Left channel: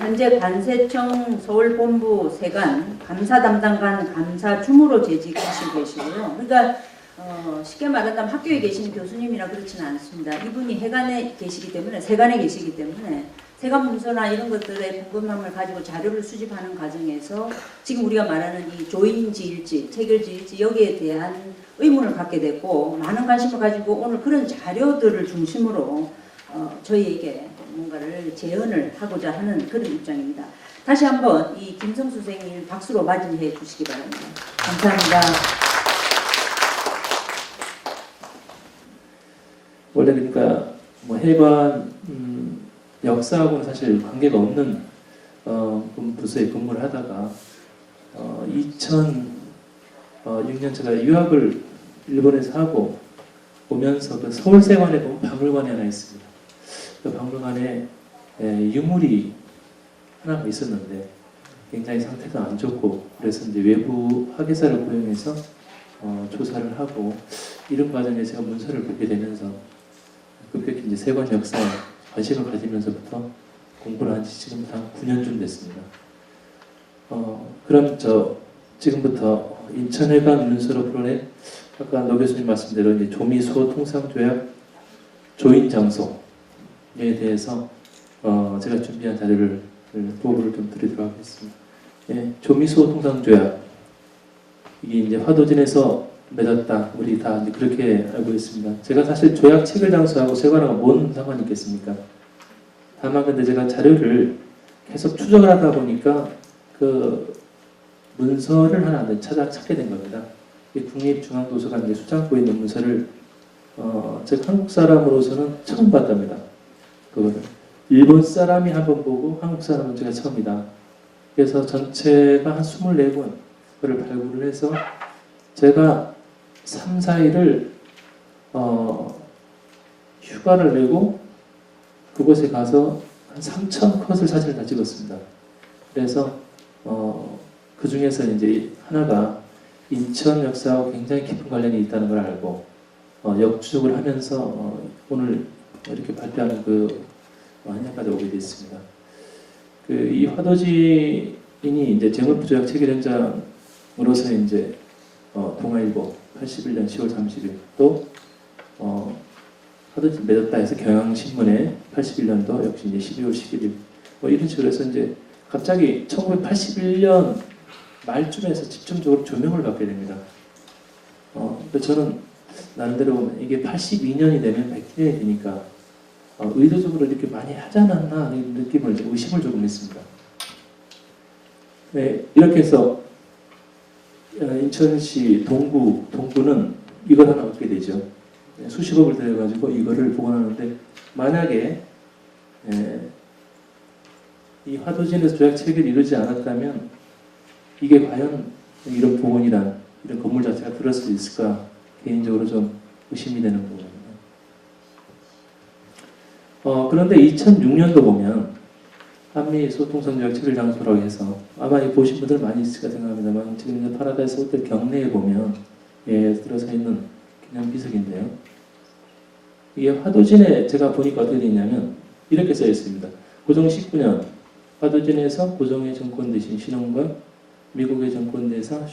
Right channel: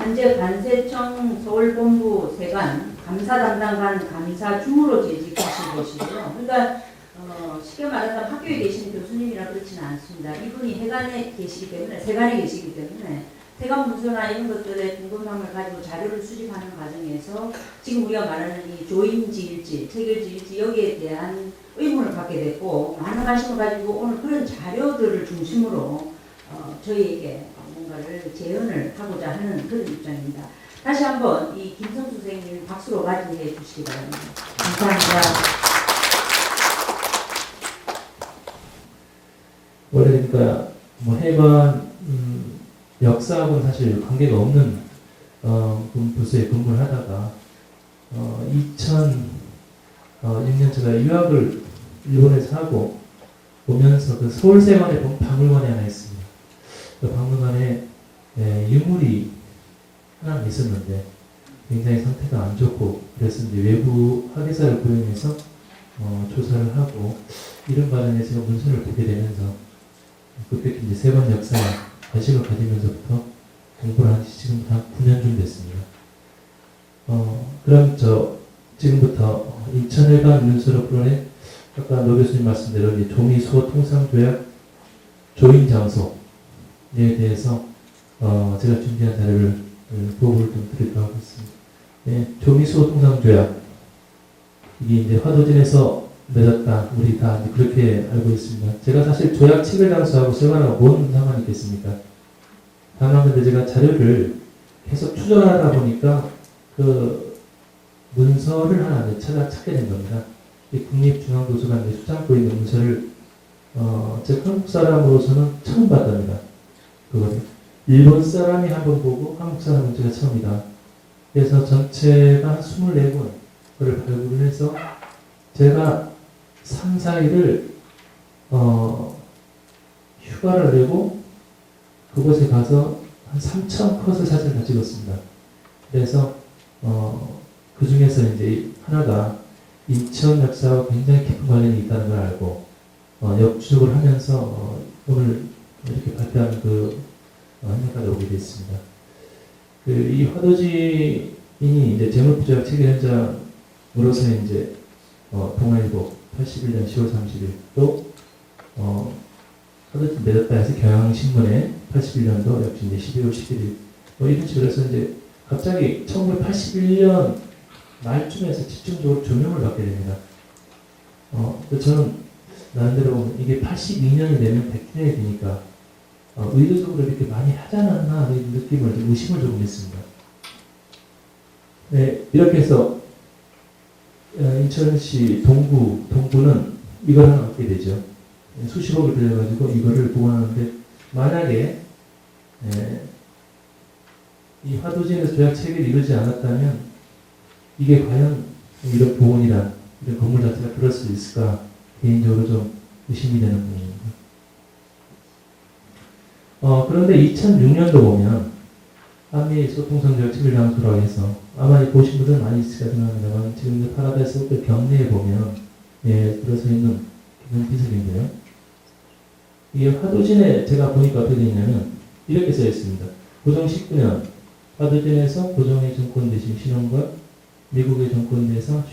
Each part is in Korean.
현재 관세청 서울본부 세관 감사 담당관 감사 주무로 재직하시고 계시고요. 그러니까 쉽게 말하면 학교에 계시는 교수님이라 그렇지는 않습니다. 이분이 해관에 계시기 때문에 세관에 계시기 때문에 세관 문서나 이런 것들의 궁금함을 가지고 자료를 수집하는 과정에서 지금 우리가 말하는 이 조인지일지, 체결지일지 여기에 대한 의문을 갖게 됐고 많은 관심을 가지고 오늘 그런 자료들을 중심으로 저희에게 뭔가를 재연을 하고자 하는 그런 입장입니다. 다시 한번 이 김성수 선생님 박수로 맞이해 주시기 바랍니다. 감사합니다. 원래 그러니까 뭐 해관 역사하고는 사실 관계가 없는 부서에 근무를 하다가 2006년 제가 유학을 일본에서 하고 오면서 그 서울세관에 보면 박물관이 하나 있습니다. 그 박물관에 유물이 하나 있었는데 굉장히 상태가 안 좋고 그래서 이제 외부 학예사를 고용해서 조사를 하고 이런 과정에 제가 문서를 보게 되면서 그렇게 이제 세관 역사에 관심을 가지면서부터 공부를 한 지 지금 한 9년쯤 됐습니다. 그럼 지금부터 인천회관 문서로 풀어낸 아까 노 교수님 말씀대로 이제 조미수호 통상조약 조인 장소에 대해서 제가 준비한 자료를 보고를 좀 드리도록 하겠습니다. 예, 조미수호 통상조약 이게 이제 화도진에서 맺었다. 우리 다 이제 그렇게 알고 있습니다. 제가 사실 조약 체결 장소하고 세관하고 뭔 상관이 있겠습니까? 다만 근데 제가 자료를 계속 추적을 하다 보니까 그 문서를 하나 찾게 된 겁니다. 이 국립중앙도서관 수장고에 있는 문서를 제가 한국 사람으로서는 처음 봤답니다. 그거를 일본 사람이 한번 보고 한국 사람은 제가 처음이다. 그래서 전체가 한 24권을 발굴을 해서 제가 3, 4일을 휴가를 내고 그곳에 가서 한 3,000컷을 사진을 다 찍었습니다. 그래서 그 중에서 이제 하나가 인천 역사와 굉장히 깊은 관련이 있다는 걸 알고 역추적을 하면서 오늘 이렇게 발표하는 그 한양까지 오게 됐습니다. 이 화도진이 이제 재물부조약 체결 현장으로서 이제 동아일보 81년 10월 30일 또 화도진 맺었다 해서 경향신문에 81년도 역시 이제 12월 11일 이런 식으로 해서 이제 갑자기 1981년 말쯤에서 집중적으로 조명을 받게 됩니다. 저는 나름대로 이게 82년이 되면 100년이 되니까 의도적으로 이렇게 많이 하지 않았나 하는 느낌을 의심을 조금 했습니다. 네, 이렇게 해서 인천시 동구는 이걸 하나 얻게 되죠. 수십억을 들여가지고 이거를 복원하는데 만약에 이 화도진에서 조약 체결이 이루어지지 않았다면 이게 과연 이런 복원이란 이런 건물 자체가 들어갈 수 있을까 개인적으로 좀 의심이 되는 부분입니다. 그런데 2006년도 보면 한미 소통선조약 체결 장소라고 해서 아마 보신 분들 많이 있을까 생각합니다만 지금 파라다이스 호텔 경내에 보면 들어서 있는 기념비석인데요. 이게 화도진에 제가 보니까 어떻게 되냐면 이렇게 써 있습니다. 고종 19년 화도진에서 고종의 정권 대신 신원과 미국의 정권 대상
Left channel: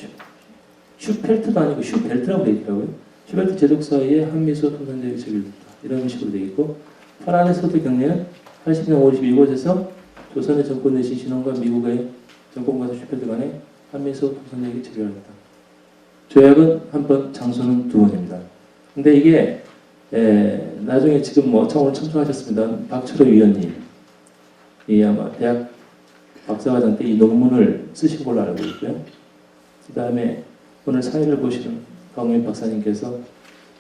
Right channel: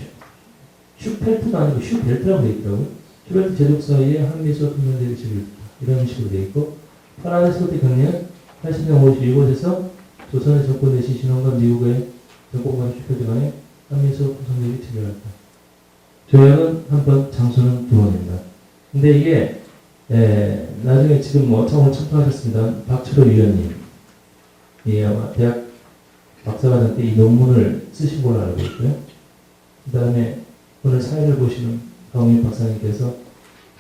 슈펠트도 아니고 슈벨트라고 되어 있더라고요. 슈벨트 제독 사이에 한미소 통상조약이 체결됐다. 이런 식으로 되어 있고 파라다이스 호텔 경내는 80년 52곳에서 조선의 정권 대신 신원과 미국의 정권과 슈펠트 간에 한미소 통상조약이 체결됐다. 조약은 한 번, 장소는 2번입니다. 근데 이게 나중에 지금 오늘 참석하셨습니다. 박철호 위원님, 아마 대학 박사과정 때 이 논문을 쓰신 걸로 알고 있고요. 그 다음에 오늘 사회를 보시는 박민 박사님께서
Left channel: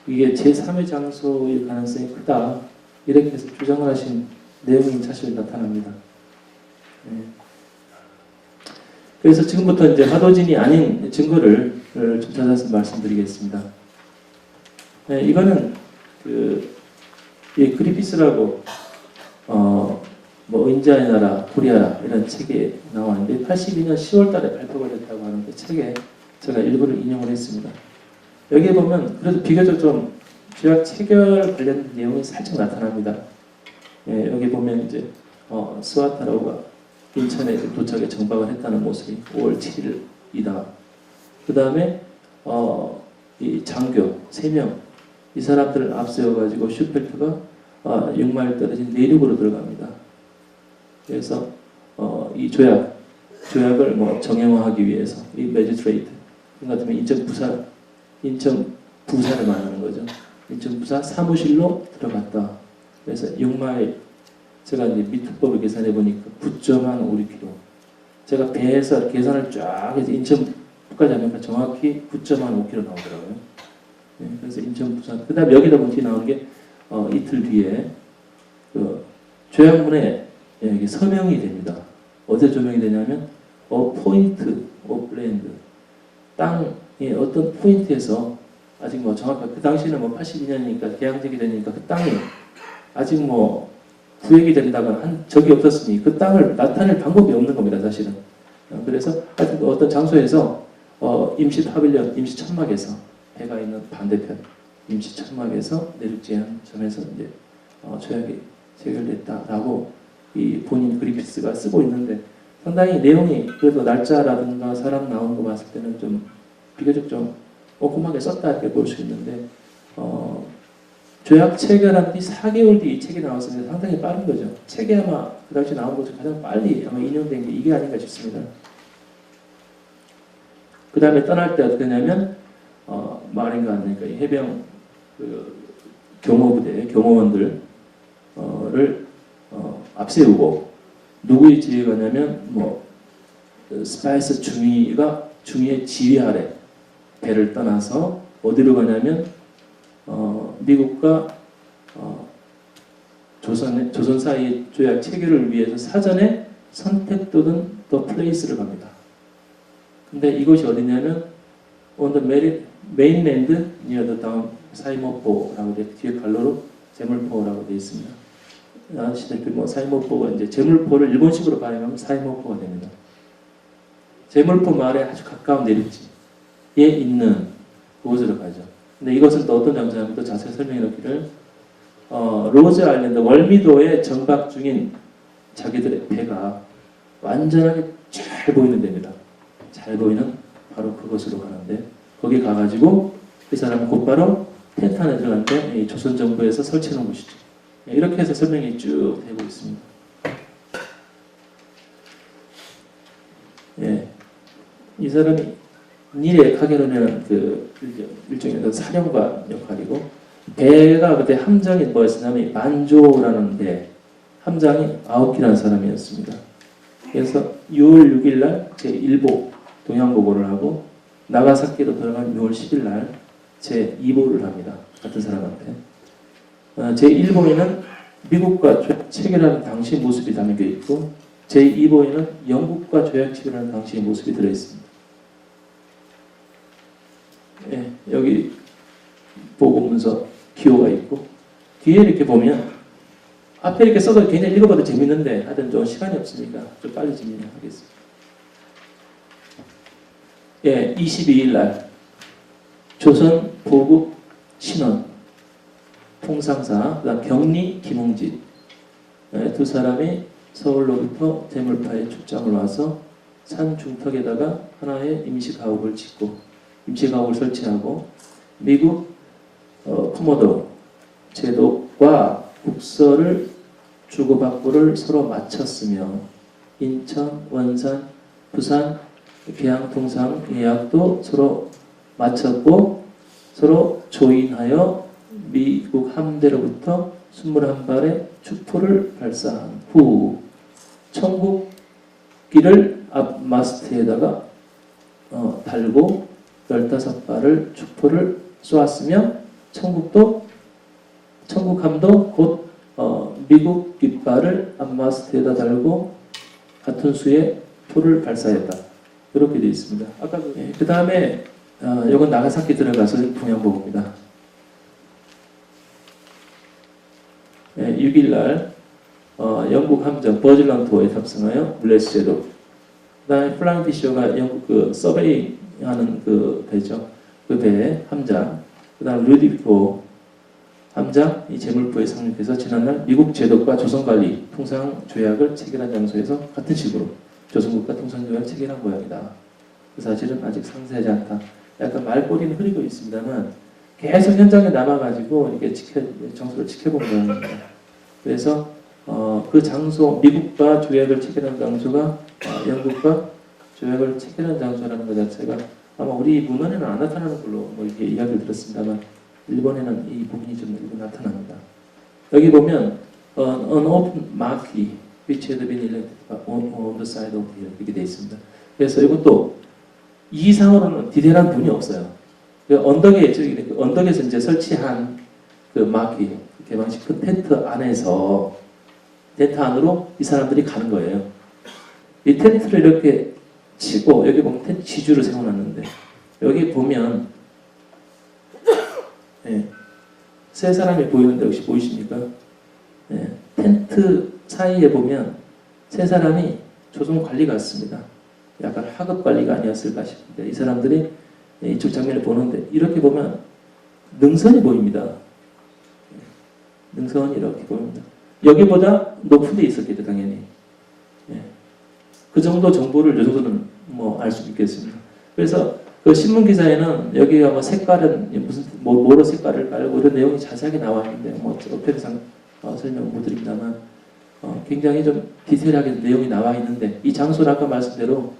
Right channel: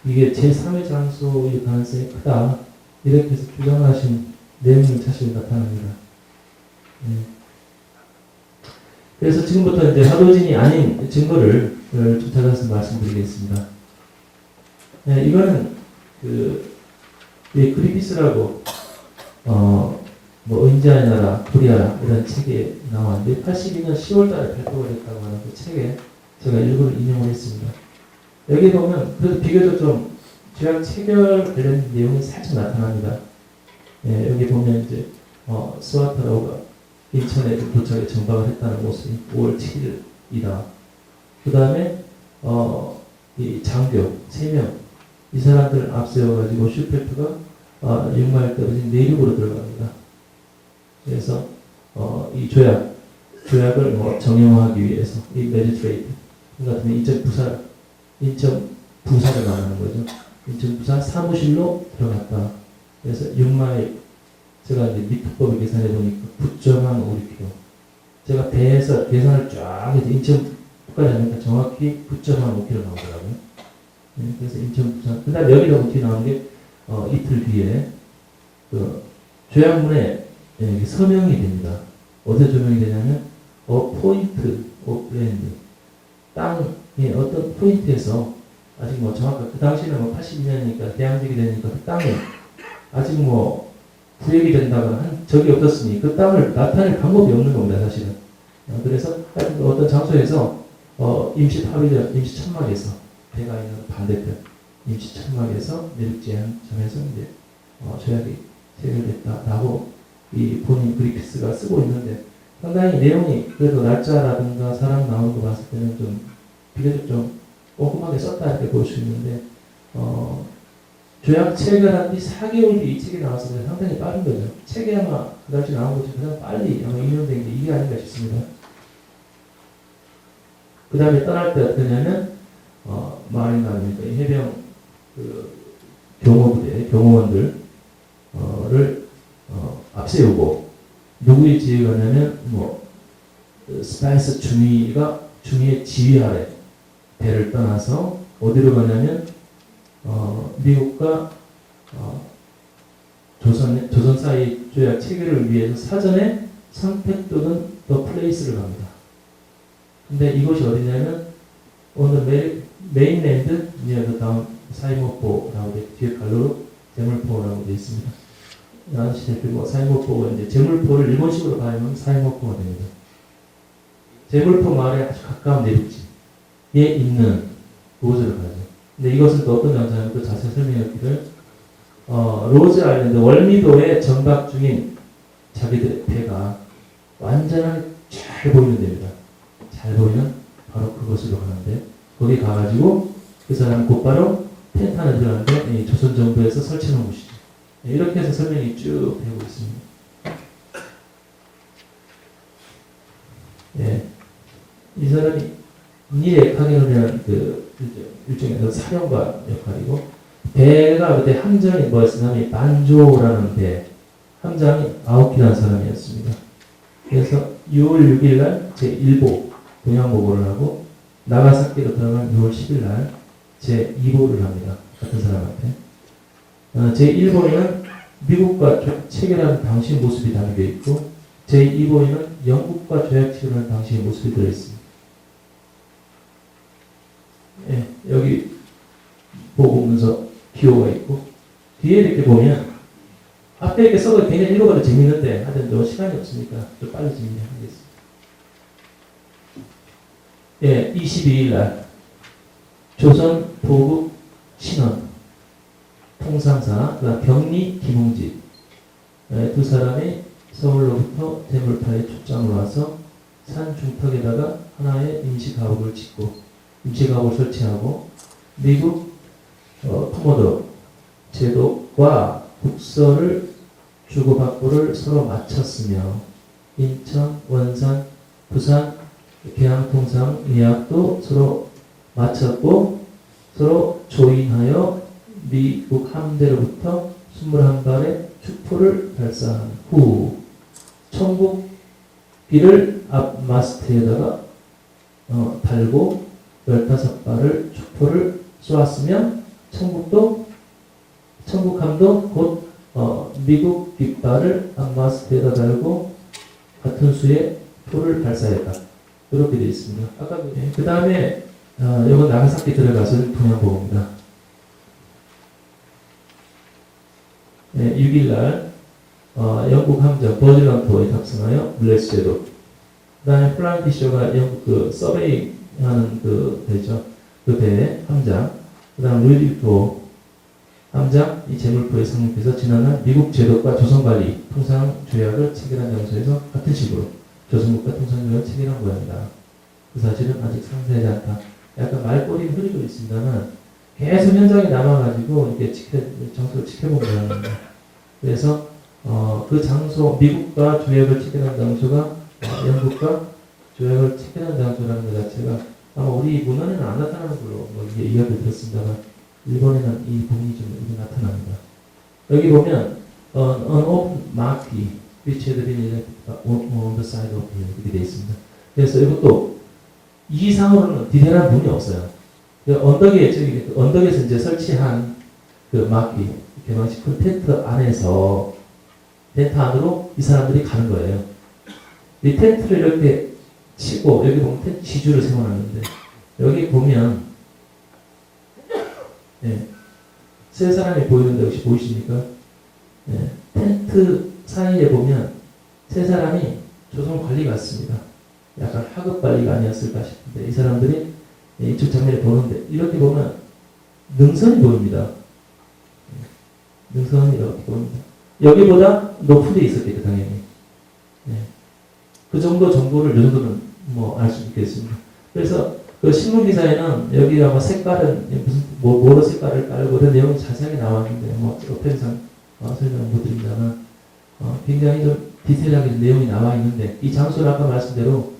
이게 제3의 장소일 가능성이 크다. 이렇게 해서 주장하신 내용이 사실 나타납니다. 그래서 지금부터 이제 화도진이 아닌 증거를 좀 찾아서 말씀드리겠습니다. 이거는 그리피스라고 은자의 나라, 코리아라 이런 책에 나왔는데 82년 10월달에 발표가 됐다고 하는 그 책에 제가 일부를 인용을 했습니다. 여기 보면 그래도 비교적 좀 조약 체결 관련 내용이 살짝 나타납니다. 여기 보면 이제 스와타라우가 인천에 도착해 정박을 했다는 모습이 5월 7일이다. 그 다음에 이 장교 3명 이 사람들을 앞세워가지고 슈펠트가 6마일 떨어진 내륙으로 들어갑니다. 그래서 이 조약을 뭐 정형화하기 위해서 이 매지스트레이트 같으면 인천 부사를 말하는 거죠. 인천 부사 사무실로 들어갔다. 그래서 6마일 제가 이제 미투법을 계산해 보니까 9.5km. 제가 배에서 계산을 쫙 해서 인천까지 하니까 정확히 9.5km 나오더라고요. 네, 그래서 인천 부산. 그다음에 여기다 문제 나온 게 이틀 뒤에 그 조약문에 여기 서명이 됩니다. 어디에 조명이 되냐면 포인트 오브 랜드 땅의 어떤 포인트에서 아직 뭐 정확하게 그 당시는 뭐 82년이니까 대항쟁이 되니까 그 땅이 아직 뭐 구역이 된다거나 한 적이 없었으니 그 땅을 나타낼 방법이 없는 겁니다, 사실은. 그래서 어떤 장소에서 임시 파빌리언, 임시 천막에서 배가 있는 반대편 임시 천막에서 내륙지한 점에서 이제 조약이 체결됐다라고 이 본인 그리피스가 쓰고 있는데 상당히 내용이 그래도 날짜라든가 사람 나오는 거 봤을 때는 좀 비교적 좀 꼼꼼하게 썼다 이렇게 볼 수 있는데 조약 체결한 뒤 4개월 뒤 이 책이 나왔으면 상당히 빠른 거죠. 책이 아마 그 당시 나온 것 중 가장 빨리 아마 인용된 게 이게 아닌가 싶습니다. 그 다음에 떠날 때 어떻게 하냐면 마린가 합니까? 해병 경호부대 경호원들을 앞세우고 누구의 지휘가 냐면 스파이스 중위의 지휘 아래 배를 떠나서 어디로 가냐면 미국과 조선 사이 조약 체결을 위해서 사전에 선택되는 더 플레이스를 갑니다. 근데 이곳이 어디냐면 on the mainland near the town 사이모포라고 뒤에 갈로로 제물포라고 되어 있습니다. 아시다시피 사이모포가 이제 제물포를 일본식으로 발음하면 사이모포가 됩니다. 제물포 마을에 아주 가까운 내륙지에 있는 그곳으로 가죠. 근데 이것은 또 어떤 장소냐면 또 자세히 설명해드리기를 로즈 아일랜드 월미도에 정박 중인 자기들의 배가 완전하게 잘 보이는 데입니다. 잘 보이는 바로 그곳으로 가는데 거기 가가지고 그 사람 곧바로 텐트 안에 들어가는데 조선 정부에서 설치한 곳이죠. 이렇게 해서 설명이 쭉 되고 있습니다. 예, 이 사람이 니에 카게노면 일종의 사령관 역할이고 배가 그때 함장이 뭐였냐면 만조라는 배 함장이 아오키라는 사람이었습니다. 그래서 6월 6일 날 제1보 동양보고를 하고 나가사키로 들어간 6월 10일 날 제2보를 합니다. 같은 사람한테. 제1보에는 미국과 조약 체결한 당시의 모습이 담겨 있고 제2보에는 영국과 조약 체결한 당시의 모습이 들어있습니다. 예, 여기 보고문서 기호가 있고 뒤에 이렇게 보면 앞에 이렇게 써도 굉장히 읽어봐도 재밌는데 하여튼 좀 시간이 없으니까 좀 빨리 진행하겠습니다. 예, 22일 날 조선 보국 신원 통상사 그다음 병리 김홍집 두 사람이 서울로부터 대물파에 출장을 와서 산 중턱에다가 하나의 임시가옥을 짓고 임시가옥을 설치하고 미국 코모도 제독과 국서를 주고받고를 서로 마쳤으며 인천, 원산, 부산 계양통상 예약도 서로 마쳤고 서로 조인하여 미국 함대로부터 21발의 축포를 발사한 후 청국기를 앞 마스트에다가 달고 15발을 축포를 쏘았으며 청국함도 곧 미국 깃발을 앞 마스트에다 달고 같은 수의 포를 발사했다. 이렇게 되어 있습니다. 아까 그 다음에 이건 나가사키 들어가서 동양보고입니다. 네, 6일날 영국 함정 버질런토에 탑승하여 블레스 제독 그 다음에 플라인디쇼가 영국 그 서베이 하는 그 배죠. 그 배 함장 그 다음 루디코 함장 이 재물포에 상륙해서 지난날 미국 제독과 조선관리 통상조약을 체결한 장소에서 같은 식으로 조선국가 통상조약을 체결한 모양이다. 그 사실은 아직 상세하지 않다. 약간 말꼬리는 흐리고 있습니다만 계속 현장에 남아가지고 이게 장소를 지켜본 모양입니다. 그래서 그 장소 미국과 조약을 체결한 장소가 영국과 조약을 체결한 장소라는 것 자체가 아마 우리 문헌에는 안 나타나는 걸로 뭐 이게 이야기를 들었습니다만 일본에는 이 부분이 좀 이렇게 나타납니다. 여기 보면 an open marquee which had been on the side of the 이렇게 되어 있습니다. 그래서 이것도 이상으로는 디테일한 부분이 없어요. 언덕에서 이제 설치한 그 마키 대망식 그 텐트 안으로 이 사람들이 가는 거예요. 이 텐트를 이렇게 치고 여기 보면 텐트 지주를 세워놨는데 여기 보면 세 사람이 보이는데 혹시 보이십니까? 텐트 사이에 보면 세 사람이 조선 관리 같습니다. 약간 하급 관리가 아니었을까 싶은데 이 사람들이 이쪽 장면을 보는데 이렇게 보면 능선이 보입니다. 능선이 이렇게 보입니다. 여기보다 높은 데 있었겠죠 당연히. 그 정도 정보를 이 정도는 뭐 알 수 있겠습니다. 그래서 그 신문 기사에는 여기가 뭐 색깔은 무슨 뭐로 색깔을 깔고 그런 내용이 자세하게 나와 있는데 뭐 어편상 설명 못 드립니다만 굉장히 좀 디테일하게 내용이 나와 있는데 이 장소를 아까 말씀대로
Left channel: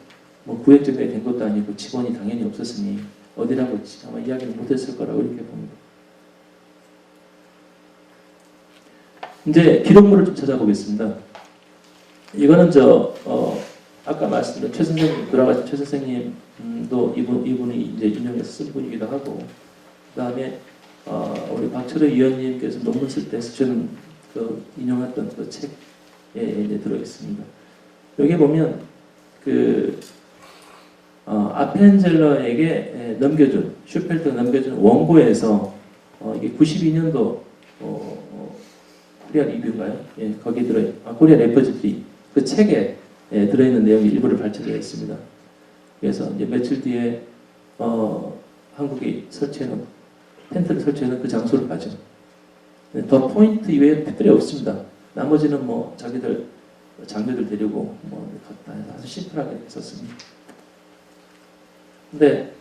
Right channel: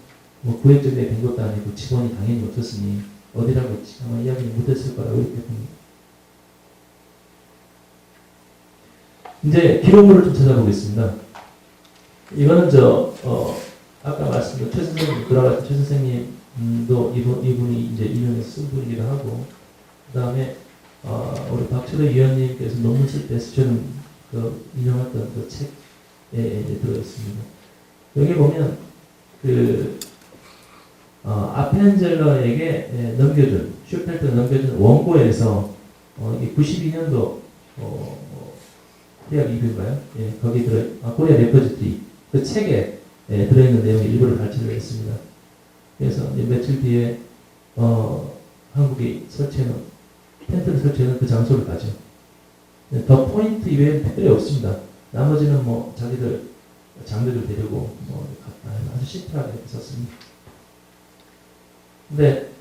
뭐 구획정리가 된 것도 아니고 직원이 당연히 없었으니 어디라고 이야기는 못했을 거라고 이렇게 봅니다. 이제 기록물을 좀 찾아보겠습니다. 이거는 아까 말씀드린 최 선생님, 돌아가신 최 선생님도 이분이 이제 인용해서 쓴 분이기도 하고, 그 다음에, 우리 박철호 위원님께서 논문 쓸 때 쓰신 그 인용했던 그 책에 이제 들어있습니다. 여기 보면, 아펜젤러에게 넘겨준, 슈펠트가 넘겨준 원고에서, 이게 92년도, 코리아 리뷰인가요? 예, 거기 코리아 레퍼지트리, 그 책에 들어있는 내용의 일부를 발췌를 했습니다. 그래서 며칠 뒤에 한국이 텐트를 설치해놓은 그 장소를 가죠. 더 포인트 이외에는 특별히 없습니다. 나머지는 뭐 자기들 장비를 데리고 뭐 아주 심플하게 이렇게 썼습니다. 근데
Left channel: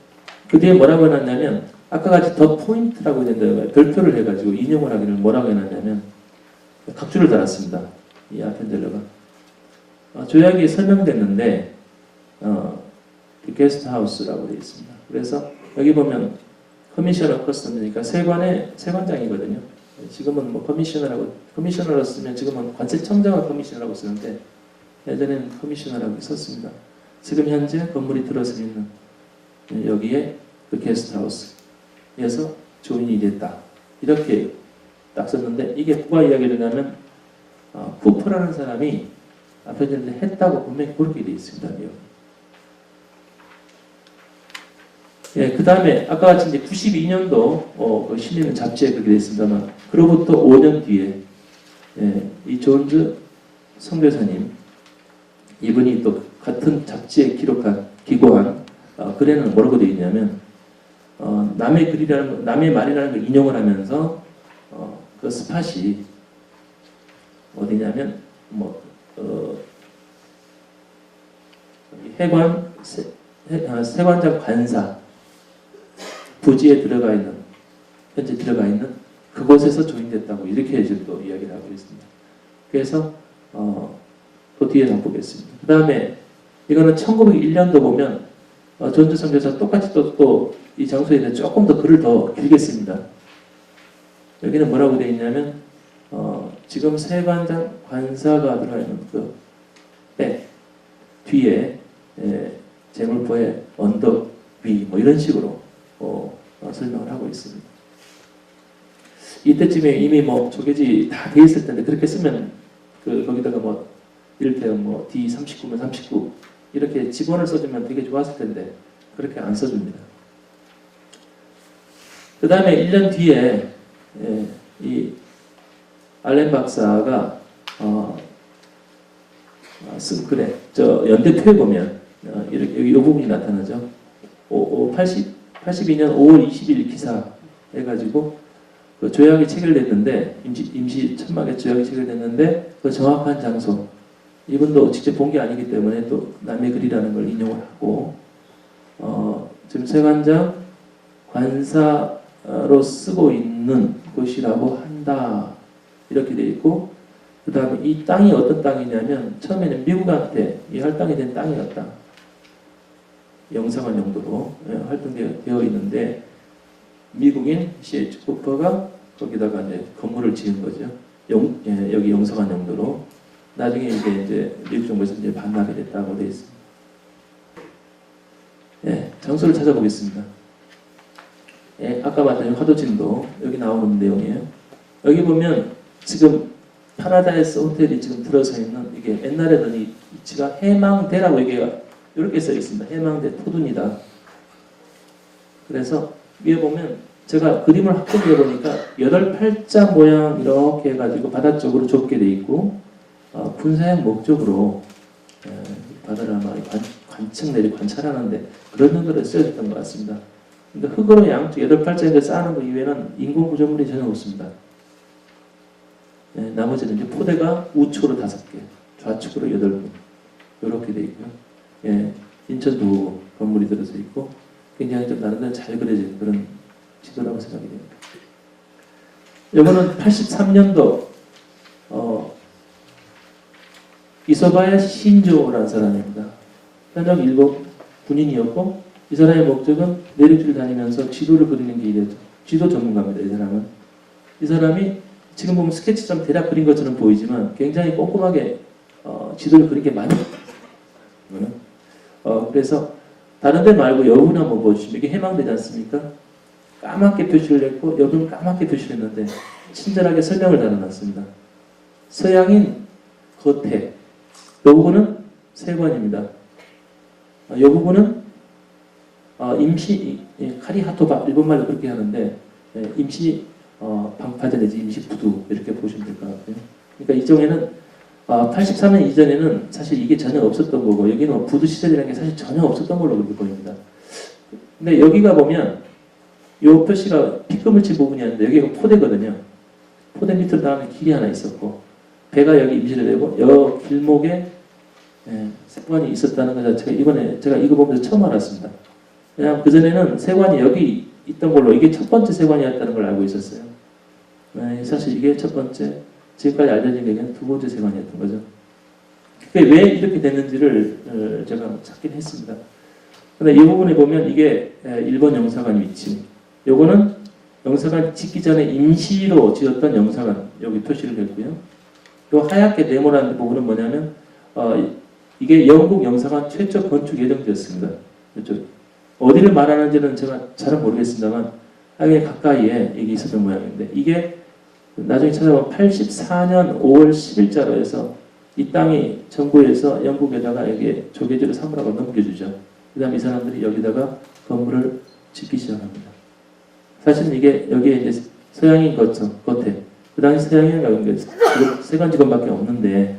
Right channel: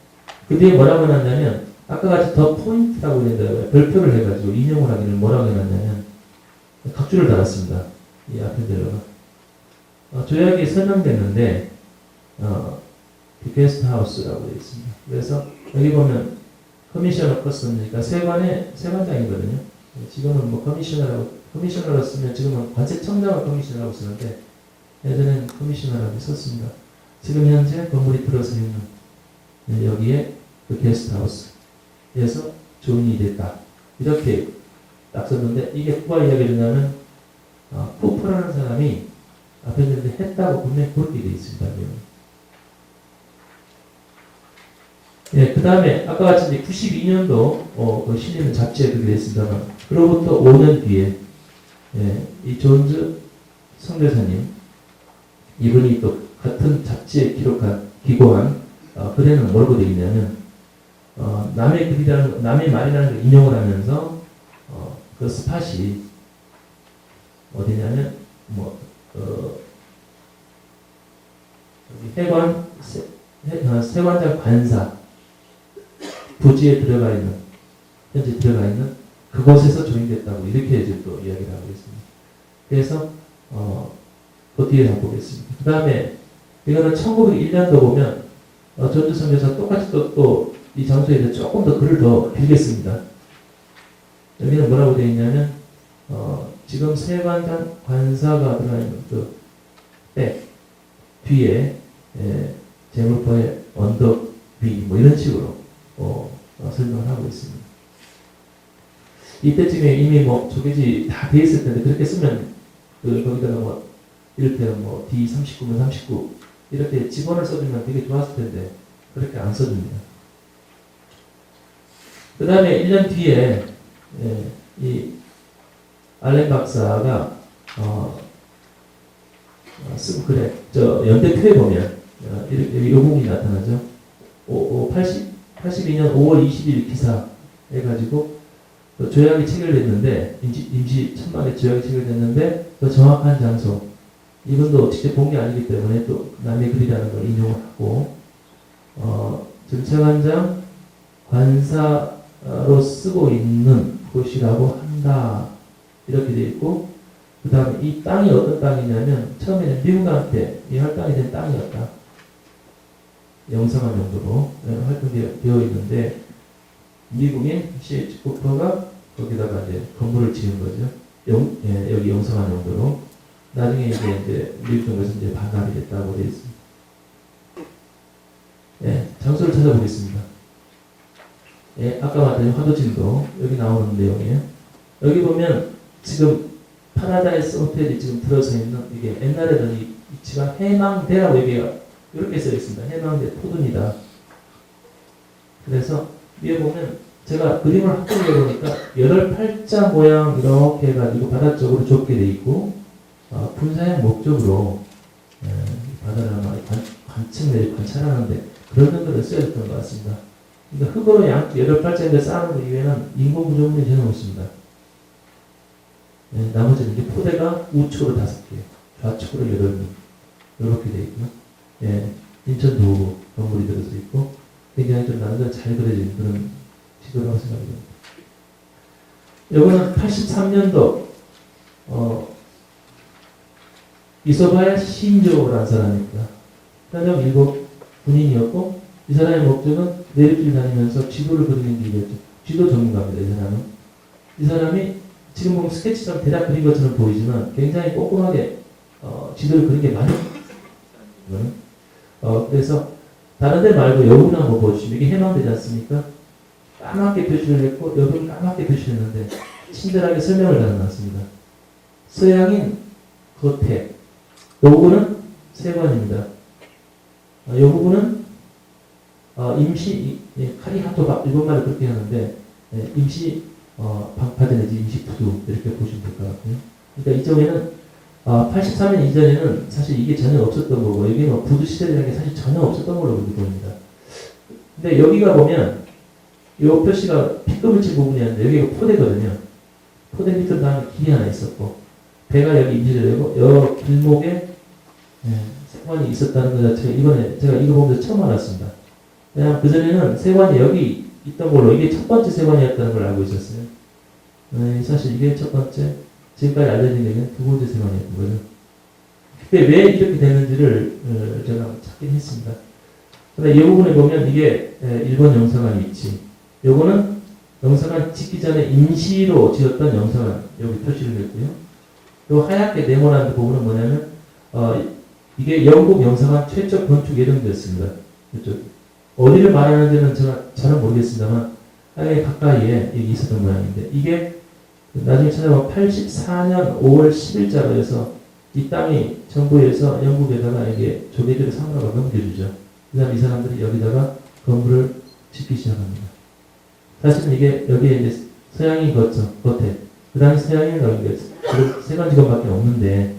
그 뒤에 뭐라고 해놨냐면 아까 같이 더 포인트라고 했는데 별표를 해가지고 인용을 하기를 뭐라고 해놨냐면 각주를 달았습니다. 이 아펜젤러가. 조약이 설명됐는데 게스트하우스라고 되어 있습니다. 그래서 여기 보면 커미셔너 퍼슨이니까 세관장이거든요. 지금은 뭐 커미셔너로 쓰면 지금은 관세청장을 커미셔너라고 쓰는데 예전에는 커미셔너라고 썼습니다. 지금 현재 건물이 들어서 있는 여기에 그 게스트하우스에서 조인이 됐다. 이렇게 딱 썼는데 이게 누가 이야기를 하냐면 쿠퍼라는 사람이 아펜젤러 했다고 분명히 그렇게 되어 있습니다. 예, 그 다음에 아까 같이 이제 92년도 실리는 잡지에 그렇게 됐습니다만 그로부터 5년 뒤에 이 존즈 선교사님 이분이 또 같은 잡지에 기고한 글에는 뭐라고 되어 있냐면 남의 말이라는 걸 인용을 하면서 그 스팟이 어디냐면 세관장 관사 부지에 현재 들어가 있는 그곳에서 조인됐다고 이렇게 지금 또 이야기를 하고 있습니다. 그래서 또 뒤에 한번 보겠습니다. 그 다음에 이거는 1901년도 보면 전주 선교사 똑같이 또 이 장소에 대해 조금 더 글을 더 길겠습니다. 여기는 뭐라고 되어 있냐면 지금 세관장 관사가 들어있는 백 뒤에 제물포의 언덕 위 뭐 이런 식으로 설명을 하고 있습니다. 이때쯤에 이미 뭐 조개지 다 돼 있을 텐데 그렇게 쓰면 거기다가 뭐 이를테면 D39면 39 이렇게 직원을 써주면 되게 좋았을 텐데 그렇게 안 써줍니다. 그 다음에 1년 뒤에 이 알렌 박사가 쓴 글에 연대표에 보면 이렇게 이 부분이 나타나죠. 82년 5월 20일 기사 해가지고 그 조약이 체결됐는데 임시 천막에 조약이 체결됐는데 그 정확한 장소 이분도 직접 본 게 아니기 때문에 또 남의 글이라는 걸 인용하고 지금 세관장 관사로 쓰고 있는 곳이라고 한다 이렇게 돼 있고 그 다음에 이 땅이 어떤 땅이냐면 처음에는 미국한테 이 할당이 된 땅이었다. 영상한 용도로 활동되어 있는데 미국인 CH 쿠퍼가 거기다가 이제 건물을 지은 거죠. 여기 영상한 용도로 나중에 이제 미국 정부에서 이제 반발이 됐다고 되어 있습니다. 예, 장소를 찾아보겠습니다. 예, 아까 말한 화도진도 여기 나오는 내용이에요. 여기 보면 지금 파라다이스 호텔이 지금 들어서 있는 이게 옛날에는 이 위치가 해망대라고 이렇게 써 있습니다. 해망대 토둔이다. 그래서 위에 보면 제가 그림을 확대해 보니까 8팔자 모양 이렇게 해가지고 바다 쪽으로 좁게 돼 있고 군사의 목적으로 바다를 아마 관측 내지 관찰하는데 그런 정도로 쓰여졌던 것 같습니다. 그러니까 흙으로 양 8팔자인데 쌓는 것 이외에는 인공 구조물이 전혀 없습니다. 나머지는 이제 포대가 우측으로 5개, 좌측으로 8개 이렇게 돼 있고요. 인천도 건물이 들어서 있고 굉장히 좀 나름대로 잘 그려진 그런 지도라고 생각이 됩니다. 이거는 83년도 이소바야 신조라는 사람입니다. 현역 일본 군인이었고 이 사람의 목적은 내륙을 다니면서 지도를 그리는 게 이랬죠. 지도 전문가입니다. 이 사람은. 이 사람이 지금 보면 스케치처럼 대략 그린 것처럼 보이지만 굉장히 꼼꼼하게 지도를 그린 게 많아요. 그래서 다른 데 말고 여부분 한번 보여주시면 이게 해망되지 않습니까? 까맣게 표시를 했고 여부는 까맣게 표시를 했는데 친절하게 설명을 달아놨습니다. 서양인 겉에 이 부분은 세관입니다. 이 부분은 임시 카리하토가 일본말을 그렇게 하는데 임시 방파제 내지 임시 부두 이렇게 보시면 될 것 같아요. 그러니까 이쪽에는 83년 이전에는 사실 이게 전혀 없었던 거고 여기는 부두 시설이라는 게 사실 전혀 없었던 걸로 그렇게 보입니다. 근데 여기가 보면 이 표시가 B급을 칠 부분이었는데 여기가 포대거든요. 포대 밑으로 다음에 길이 하나 있었고 배가 여기 임시로 되고 여 길목에 세관이 있었다는 것 자체가 이번에 제가 이거 보면서 처음 알았습니다. 그냥 그전에는 세관이 여기 있던 걸로 이게 첫 번째 세관이었다는 걸 알고 있었어요. 사실 이게 첫 번째 지금까지 알려진 얘기는 두 번째 세관이었던 거죠. 근데 왜 이렇게 됐는지를 제가 찾긴 했습니다. 근데 이 부분에 보면 이게 일본 영사관 위치. 요거는 영사관 짓기 전에 임시로 지었던 영사관 여기 표시를 했고요. 요 하얗게 네모난 부분은 뭐냐면 이게 영국 영사관 최초 건축 예정지였습니다. 이쪽 어디를 말하는지는 제가 잘은 모르겠습니다만 하게 가까이에 이게 있었던 모양인데 이게 나중에 찾아보면 84년 5월 10일자로 해서 이 땅이 정부에서 영국에다가 이게 조개들을 사물하고 넘겨주죠. 그 다음 이 사람들이 여기다가 건물을 짓기 시작합니다. 사실은 이게 여기에 이제 서양인 겉에 그 당시 서양인 가운데 세관 직원밖에 없는데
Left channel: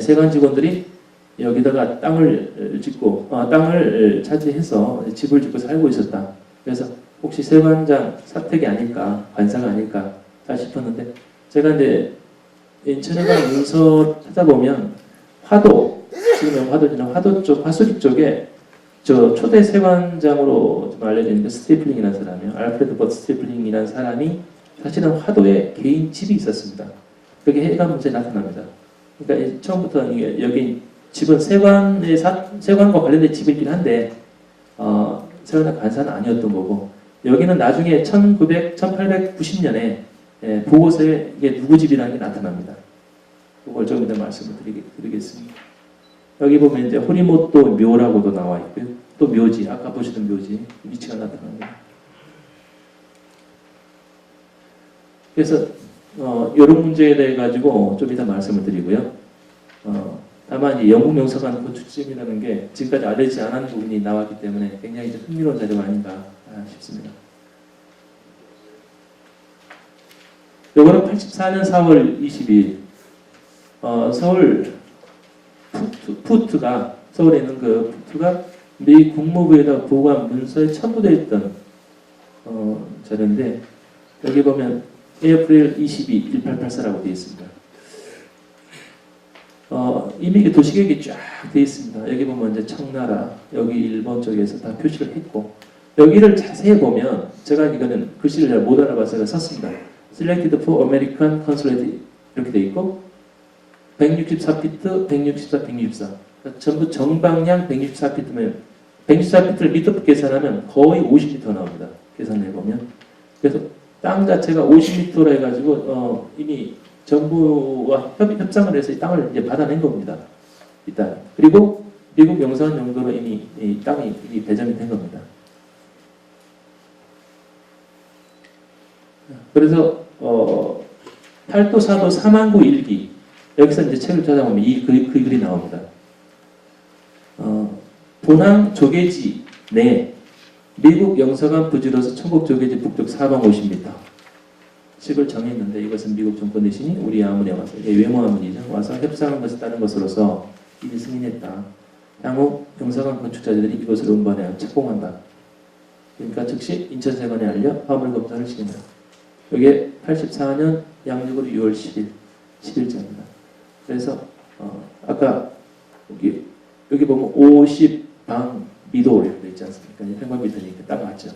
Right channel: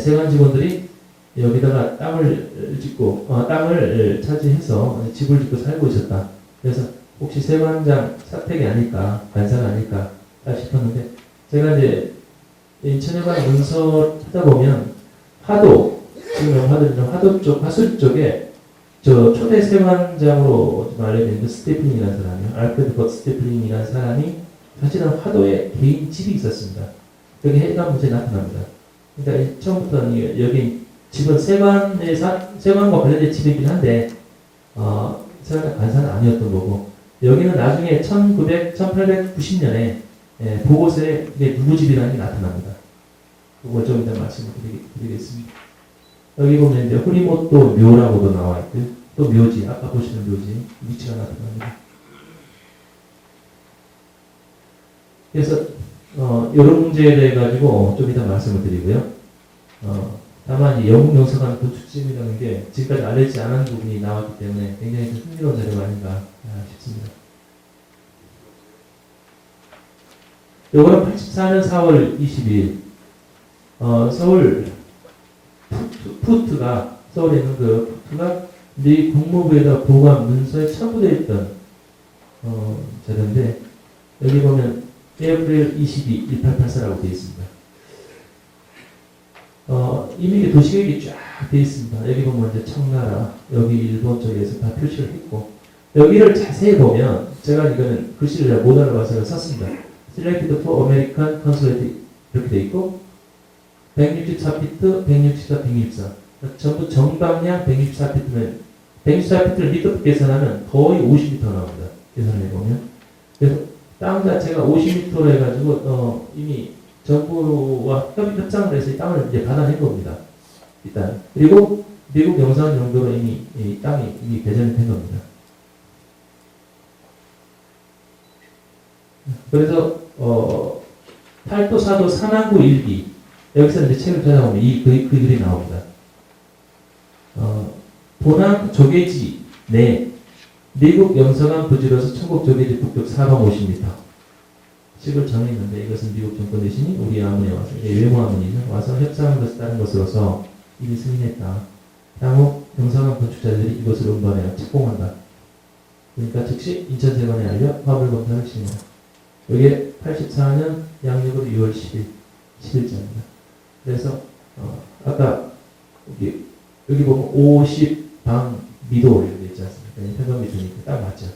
세관 직원들이 여기다가 땅을 짓고 땅을 차지해서 집을 짓고 살고 있었다. 그래서 혹시 세관장 사택이 아닐까 관사가 아닐까 싶었는데 제가 이제 인천에 가는 문서 찾아보면 화도 지금 화도 쪽 화술 쪽에 저 초대 세관장으로 알려진 스테플링이라는 사람이요. 알프레드 것 스테플링이라는 사람이 사실은 화도에 개인 집이 있었습니다. 여기 해가 문제 나타납니다. 그러니까 처음부터 여기 집은 세관과 관련된 집이긴 한데 세관장 관사는 아니었던 거고 여기는 나중에 1890년에 보고서에 이게 누구 집이라는 게 나타납니다. 그걸 좀 이제 말씀을 드리겠습니다. 여기 보면 이제 호리모토 묘라고도 나와 있고요. 또 묘지, 아까 보시는 묘지 위치가 나타납니다. 그래서 이런 문제에 대해 가지고 좀 이따 말씀을 드리고요. 다만 이 영국 영사관 건축지이라는 게 지금까지 알려지지 않은 부분이 나왔기 때문에 굉장히 좀 흥미로운 자료가 아닌가 싶습니다. 요거는 84년 4월 22일 서울 푸트가 서울에 있는 그 푸트가 미 국무부에다 보고한 문서에 첨부되어 있던 자료인데 여기 보면 에이프릴 22, 1884라고 되어 있습니다. 이미 도시계획이 쫙 되어 있습니다. 여기 보면 이제 청나라, 여기 일본 쪽에서 다 표시를 했고, 여기를 자세히 보면, 제가 이거는 글씨를 잘 못 알아봐서 썼습니다. Selected for American Consulate 이렇게 되어 있고, 164피트, 164, 164. 전부 정방향 164피트면, 164피트를 미터 계산하면 거의 50m 나옵니다. 계산해 보면. 그래서 땅 자체가 50m로 해가지고, 이미 정부와 협상을 해서 이 땅을 이제 받아낸 겁니다. 일단. 그리고 미국 영상 정도로 이미 이 땅이 이미 배정된 겁니다. 그래서, 8도, 4도, 3항구 일기. 여기서 이제 책을 찾아보면 그 글이 나옵니다. 본항 조개지 내 미국 영서관 부지로서 천국 조개지 북쪽 450m. 식을 정했는데 이것은 미국 정권 대신이 우리 아문에 와서 이제 외모 아문이죠. 와서 협상한 것을 따른 것으로서 이미 승인했다. 향후 영서관 건축자들이 이것을 음반해 착공한다. 그러니까 즉시 인천세관에 알려 화물 검사를 시킨다. 이게 84년 양력으로 6월 10일 10일자입니다. 그래서 아까 여기 보면 50방 미도 이렇게 있지 않습니까? 평방미도니까 딱 맞죠.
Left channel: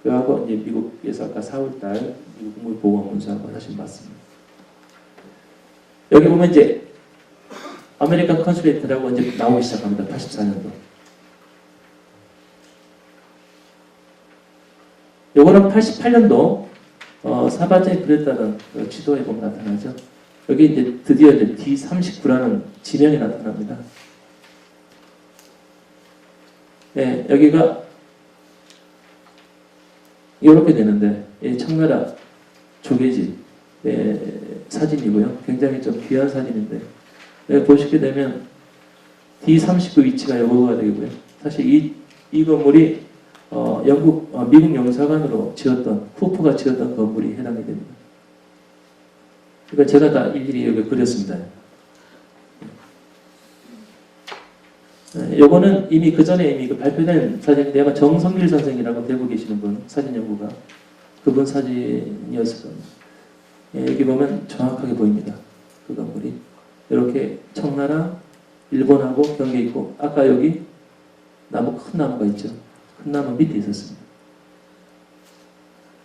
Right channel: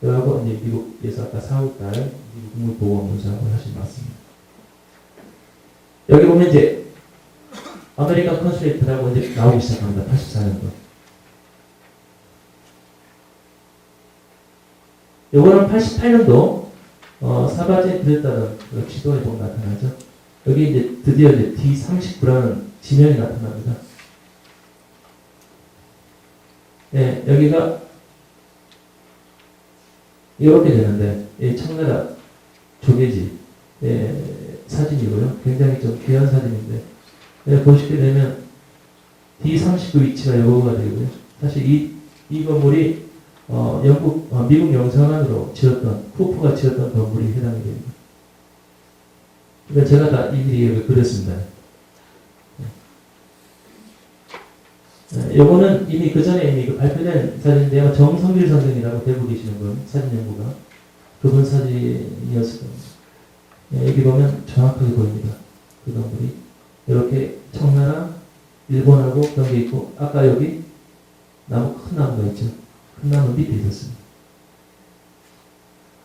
그래갖고 이제 미국에서 아까 4월달 미국 국무보건문서를 하신 것 같습니다. 여기 보면 이제 아메리칸 컨슐레이트라고 이제 나오기 시작합니다. 84년도. 요거는 88년도 사바제 그랬다는 지도에 보면 나타나죠. 여기 이제 드디어 이제 D39라는 지명이 나타납니다. 네, 여기가 이렇게 되는데, 이 청나라 조개지 사진이고요. 굉장히 좀 귀한 사진인데, 보시게 되면 D39 위치가 요거가 되고요. 사실 이 건물이 미국 영사관으로 지었던, 쿠프가 지었던 건물이 해당이 됩니다. 그러니까 제가 다 일일이 여기 그렸습니다. 요거는 이미 그 전에 이미 발표된 사진인데 아마 정성길 선생이라고 대구 계시는 분, 사진 연구가. 그분 사진이었을 겁니다. 여기 보면 정확하게 보입니다. 그 건물이. 이렇게 청나라, 일본하고 경계 있고, 아까 여기 나무, 큰 나무가 있죠. 큰 나무 밑에 있었습니다.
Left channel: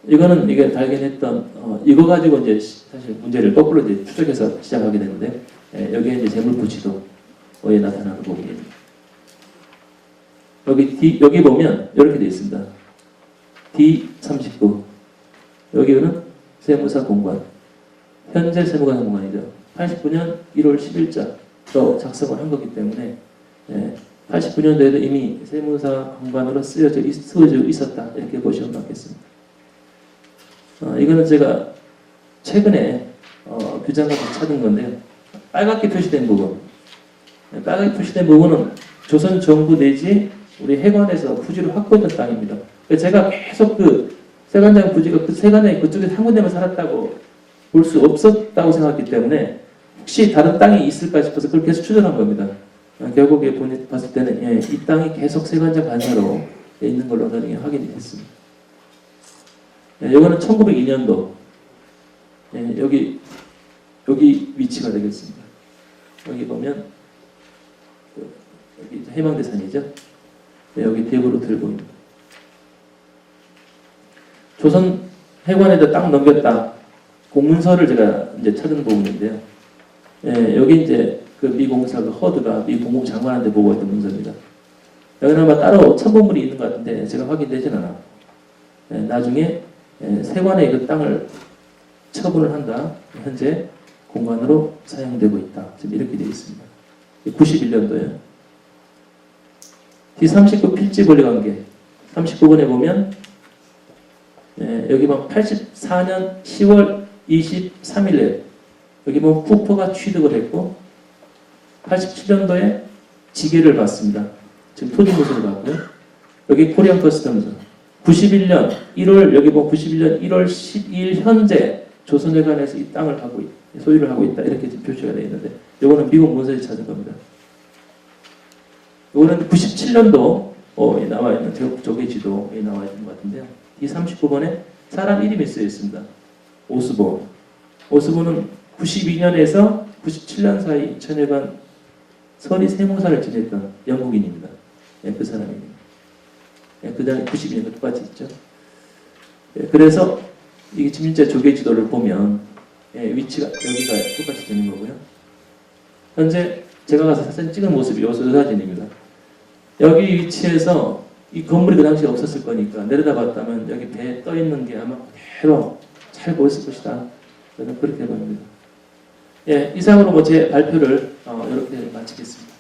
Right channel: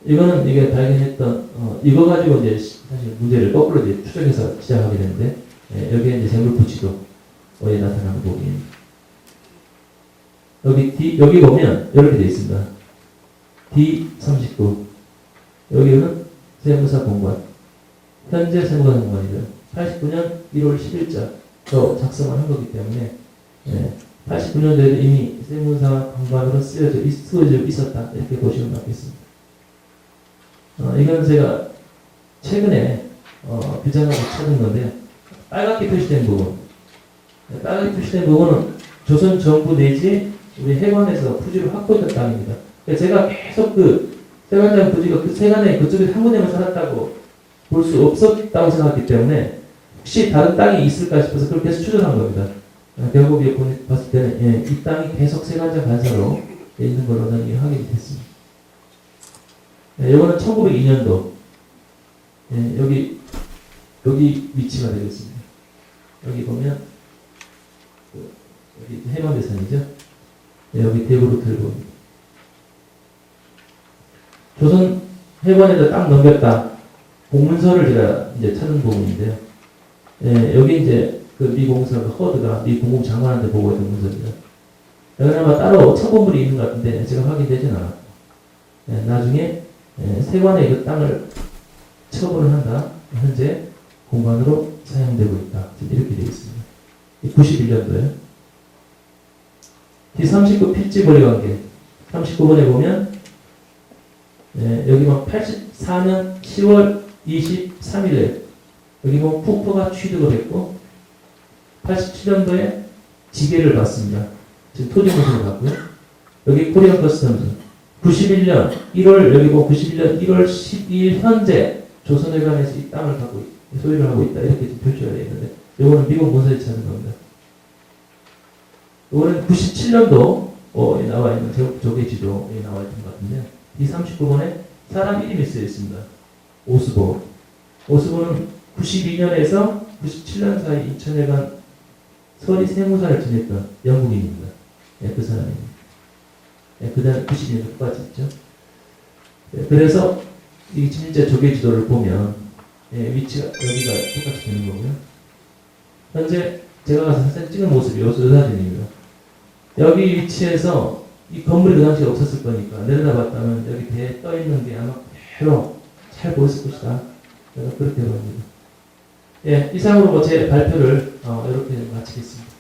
이거는 이게 발견했던, 이거 가지고 이제 사실 문제를 거꾸로 이제 추적해서 시작하게 되는데, 여기에 이제 재물부치도에 나타나는 부분입니다. 여기 보면 이렇게 되어 있습니다. D39. 여기는 세무사 공관. 현재 세무사 공관이죠. 89년 1월 10일자로 작성을 한 거기 때문에 89년도에도 이미 세무사 공관으로 쓰여져 있었다. 이렇게 보시면 맞겠습니다. 이거는 제가 최근에 비장하고 찾은 건데요. 빨갛게 표시된 부분. 빨갛게 표시된 부분은 조선 정부 내지 우리 해관에서 부지를 확보했던 땅입니다. 그래서 제가 계속 그 세관장 부지가 그 세관에 그쪽에 3분년을 살았다고 볼 수 없었다고 생각했기 때문에 혹시 다른 땅이 있을까 싶어서 그걸 계속 추적한 겁니다. 결국에 봤을 때는 이 땅이 계속 세관장 간사로 있는 걸로 나중에 확인이 됐습니다. 이거는 1902년도 여기 위치가 되겠습니다. 여기 보면 여기 해방대산이죠. 여기 대구로 들고 조선 해관에다 딱 넘겼다. 공문서를 제가 이제 찾은 부분인데요. 여기 이제 그 미공사 그 허드가 미 국무장관한테 보고했던 문서입니다. 여기는 아마 따로 첨부물이 있는 것 같은데 제가 확인되진 않았고 나중에 세관에 이 땅을 처분을 한다. 현재 공간으로 사용되고 있다. 이렇게 되어 있습니다. 91년도에 D39 필지거래 관계 39번에 보면 여기 막 84년 10월 23일에 여기 뭐 쿠퍼가 취득을 했고 87년도에 지게를 받습니다. 지금 토지무서를 받고요. 여기 코리안 커스텀즈 91년 1월 여기 뭐 91년 1월 12일 현재 조선회관에서 이 땅을 갖고 소유를 하고 있다. 이렇게 좀 표시가 되어 있는데 이거는 미국 문서에 찾은 겁니다. 이거는 97년도 나와 있는 조개지도에 나와 있는 것 같은데요. 이 39번에 사람 이름이 쓰여 있습니다. 오스보. 오스보는 92년에서 97년 사이 인천해관 서리 세무사를 지냈던 영국인입니다. 예, 그 사람입니다. 예, 그 다음에 92년도 똑같이 있죠. 예, 그래서 이 지민자 조개 지도를 보면 예, 위치가 여기가 똑같이 되는 거고요. 현재 제가 가서 사진 찍은 모습이 요 사진입니다. 여기 위치에서 이 건물이 그 당시에 없었을 거니까 내려다봤다면 여기 배에 떠 있는 게 아마 그대로 잘 보였을 것이다. 저는 그렇게 봅니다. 예, 이상으로 제 발표를 이렇게 마치겠습니다.